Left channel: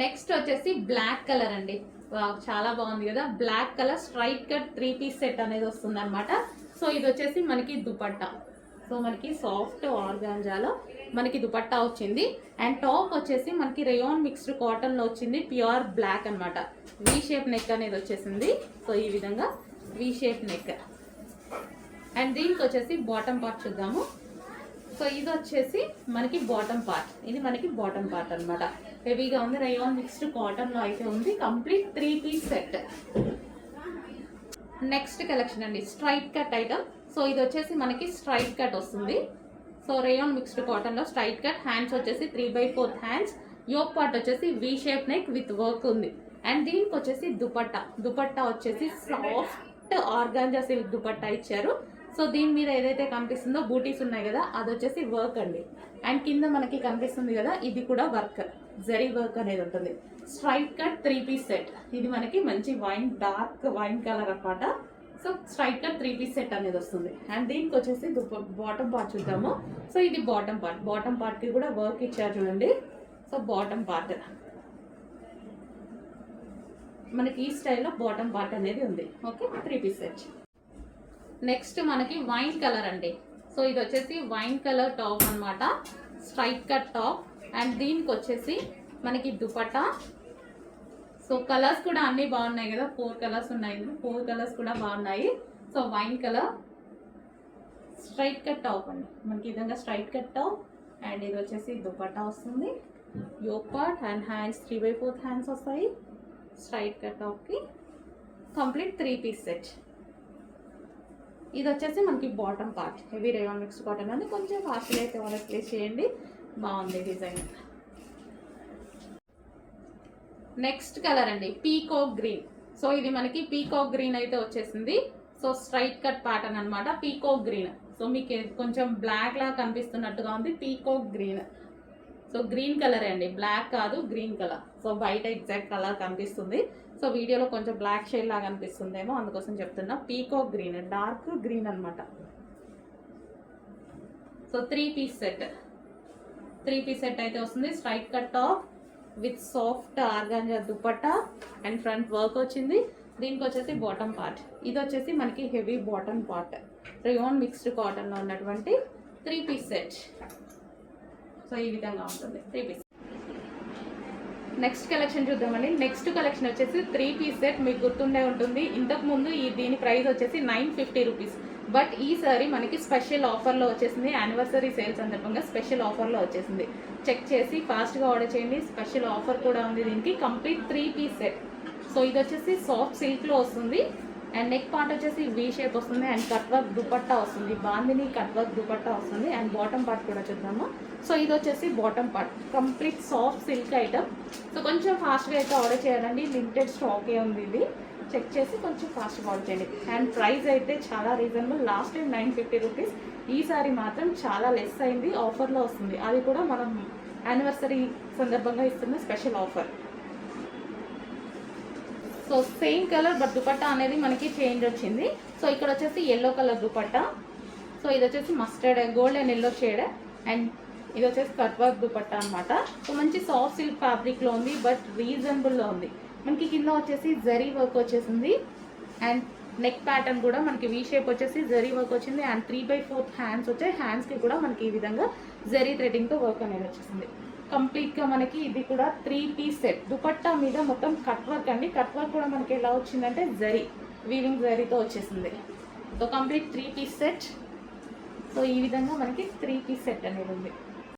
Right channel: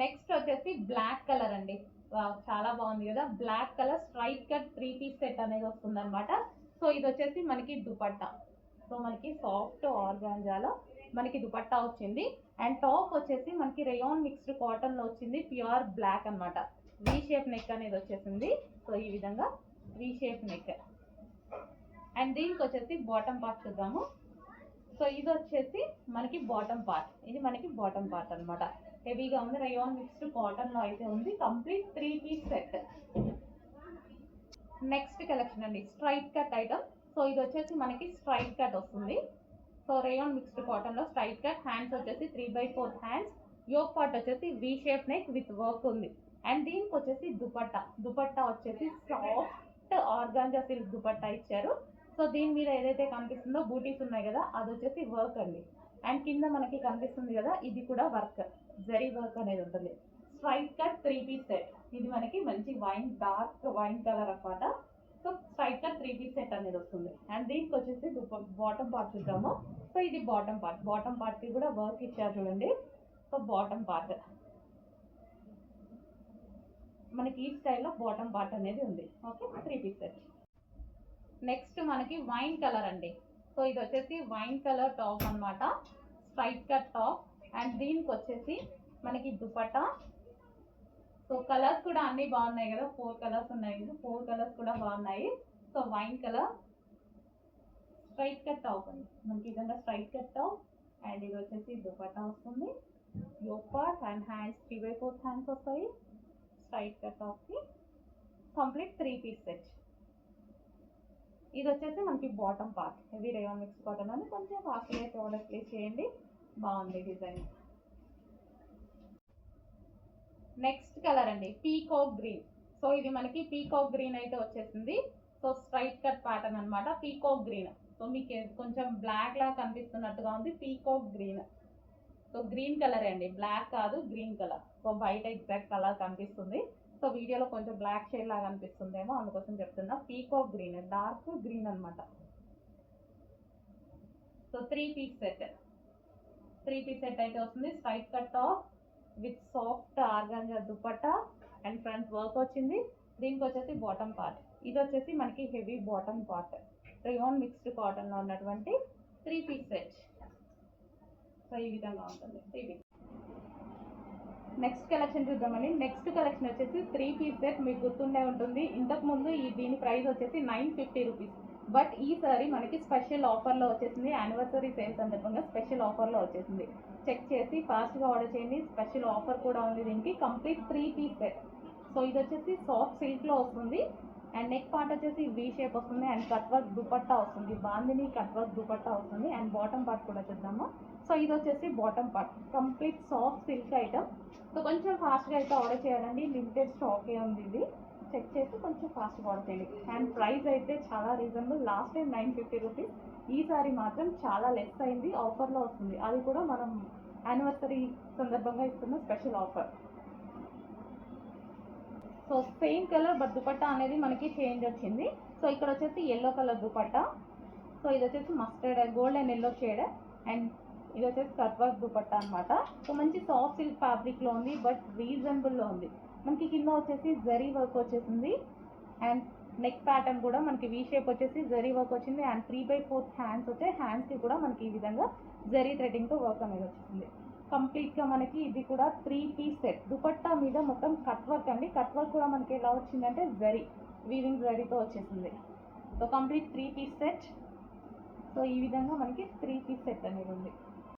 Next వచ్చేసి black colour అండి. చాలా బాగుంది కదా, black colour straight cut 3 piece set అనేది వస్తుంది అనమాట. సో ఇది వచ్చేసి మనకి దుపట్టా. సో మనకి సాఫ్ట్ ఆర్గాంజాలో మనకి దుపట్టా వచ్చింది. అండ్ టాప్ వచ్చేసి మనకి రేయాన్ మిక్స్డ్ కాటన్లో వచ్చింది, ప్యూర్ బ్లాక్ అనమాట. వీ షేప్ నెక్ అనేది వచ్చేసింది. సో ఈ విధంగా వీ షేప్ నెక్. అండ్ దీనికి వచ్చేసి బాటమ్ పార్ట్ చూద్దాము. సో ఇది వచ్చేసి మనకి బాటమ్ పార్ట్. ఇది మనకి బాటమ్ పార్ట్ అనమాట. హెవీగా ఉంది, రేయాన్ మిక్స్డ్ కాటన్లో అయితే ఉంది. Complete 3 piece set. Next collection అండి, స్ట్రైట్ కట్ ఐటమ్. సో ఇది వచ్చేసి మనకి స్ట్రైట్ కట్ వస్తుంది. సో రేయాన్ మిక్స్డ్ కాటన్లో స్ట్రైట్ కట్. హ్యాండ్స్ వచ్చేసి 3/4 హ్యాండ్స్. యోక్ పార్ట్ వచ్చేసి V shape neck with work ఉంది. అండ్ దీనికి వచ్చేసి దుపట్టా వచ్చేసి సాఫ్ట్ ఆర్గాంజా సిల్క్ దుపట్టా ఇచ్చారు. సో దీని మీద ఏదైతే కనిపిస్తుందో బూటీస్ ఉన్నాయి కదా, అది వచ్చేసి వర్క్ అండి. అండ్ కింద మనకి కనిపిస్తుంది కదా, ఇది కూడా వర్క్, జరీ వర్క్ అనేది ఉంటుంది. Straight cut 3 piece set. ఇది మనకి మంచి డార్క్ వైన్ కలర్ అనమాట. So straight cut 3 piece set అనేది వస్తుంది. అండ్ దీనికి వచ్చేసి బాటమ్ పార్ట్ చూద్దాము. సో ఇది బాటమ్ పార్ట్కి కూడా వర్క్ ఇచ్చారు చూడండి. సో బాటమ్ పార్ట్ మనకి ఈ స్టైల్లో బాటమ్ పార్ట్ అనేది ఉంది. Okay, 3 piece set. నెక్స్ట్ మనకి వైన్ కలర్ అండి. సో ఇది వచ్చేసి వైన్ కలర్ టాప్ అనమాట, స్ట్రైట్ కట్ టాప్. అండ్ దీనికి వచ్చేసి మనకి దుపట్టా. సో కలర్స్ కూడా అన్నీ బాగున్నాయి కదా, 4 కలర్స్ ఉన్నాయి. 4 కలర్స్ కూడా బాగున్నాయి. So wine colour straight cut top అండి, మనకి ఈ విధంగా స్ట్రైట్ కట్ టాప్. అండ్ ఇది వచ్చేసి దుపట్టా వస్తుంది, yoke part and hands 3/4 hands వస్తాయి. స్ట్రైట్ కట్ టాప్కి కంప్లీట్ 3 పీస్ సెట్. ఇది వచ్చేసి మనకి bottom part. Heavy rayon mixed cotton అని కొంచెం ఫాస్ట్గా అయితే ఆర్డర్ ప్లేస్ చేయండి, బాగుంది డిజైన్. నెక్స్ట్ కలర్ అండి, పీకాక్ గ్రీన్. సో ఇది మనకి పీకాక్ గ్రీన్ అయితే వచ్చేసింది. సో స్ట్రైట్ కట్ ప్యాటర్న్ అనమాట, పీకాక్ గ్రీన్. సో మీకు కొంచెం బ్లాక్ లాగా కనిపిస్తున్నట్టుగా ఉంది, peacock green. So green colour అండి, బ్లాక్ కాదు, గ్రీన్ కలర్. సో బయట ఎగ్జాక్ట్ కలర్ కనిపిస్తుంది. సో వీడియోలో కొంచెం బ్లాక్ షేడ్ లాగా అనిపిస్తుందేమో, అందుకోసం చెప్తున్నా. పీకాక్ గ్రీన్, డార్క్ గ్రీన్ అనమాట. సో 3 పీస్ సెట్ అయితే వస్తుంది. Straight cut top with soft organza dupatta and front work వచ్చింది. దీనికి వచ్చేసి బాటమ్ పార్ట్. ఇది వచ్చేసి మనకి heavy bottom part, rayon mixed కాటన్లో ఉన్నటువంటి 3 పీస్ సెట్. సో ఈ విధంగా ఉంటుంది 3 పీస్. నెక్స్ట్ కలెక్షన్ చూద్దామండి. నెక్స్ట్ కలెక్షన్ వచ్చేసి 3 పీస్ సెట్. మీకు గుర్తుండే ఉంటుంది, ఇంతకుముందు దీని ప్రైస్ వచ్చేసి 950 రూపీస్. బట్ ఈసారి మనకి స్పెషల్ ఆఫర్లో వచ్చేసింది. యానివర్సరీ సేల్ సందర్భంగా స్పెషల్ ఆఫర్లో వచ్చేసింది. చెక్ చేసి ఫాస్ట్గా ఆర్డర్ చేయండి. స్పెషల్ ఆఫర్ కూడా ఉంది దీనికి. Complete 3 piece set. సో ఇది వచ్చేసి సాఫ్ట్ సిల్క్లో వస్తుంది. అండ్ నెక్ పార్ట్ వచ్చేసి వీ షేప్ వస్తుంది. అండ్ కట్ వర్క్ దుపట్టా వస్తుంది, బాందిని కట్ వర్క్ దుపట్టా వస్తుంది. అండ్ బాటమ్ పార్ట్ కూడా చూద్దాము. సో ఇది వచ్చేసి bottom part, complete soft silk item. So కొంచెం ఫాస్ట్గా అయితే ఆర్డర్ చేయాలండి, లిమిటెడ్ స్టాకే ఉంది. ఇది చెక్ చేసి కొంచెం ఫాస్ట్గా ఆర్డర్ చేయండి. అండ్ ప్రైస్ అయితే చాలా రీజనబుల్. లాస్ట్ టైం 950 రూపీస్, ఈసారి మాత్రం చాలా లెస్ అయింది, ఆఫర్లో వస్తుంది. అది కూడా మనం యానివర్సరీ సందర్భంగా ఇస్తున్న special offer. So same colour but dupatta అనేది మనకి చేంజ్ వచ్చింది. సో ఇక్కడ వచ్చేసి ఎల్లో కలర్ దుపట్టా. సో ఇది వచ్చేసి mustard gold and yellow shade. And ఇది వచ్చేసి కట్ వర్క్ దుపట్టా అనమాట. సో మంచి సాఫ్ట్ సిల్క్ ఫ్యాబ్రిక్లో ఉంది, బట్ రీజనబుల్లో ఉంది. మనకి కింద వచ్చేసి జరీ వర్క్ వచ్చేసింది. అండ్ నెక్ ప్యాటర్న్ కూడా మనకి వీ షేప్ వచ్చేసి జరీ వర్క్ వచ్చింది. అండ్ 3/4 హ్యాండ్స్ వచ్చాయి. హ్యాండ్స్కి కూడా మనకి ఈ విధంగా జరీ థ్రెడింగ్తో వర్క్ అనేది వచ్చేసింది. కంప్లీట్గా మనకి ఇది కూడా 3 పీస్ సెట్. దుపట్టా మీద మొత్తం కట్ వర్క్ అండి. కట్ వర్క్ కూడా మనకి ఎలా వచ్చిందంటే జరీ, వీవింగ్ జరీతో వచ్చేసింది. So complete 3 piece set. So ఈ విధంగా మనకి 3 పీస్ సెట్ అనేది ఉంది.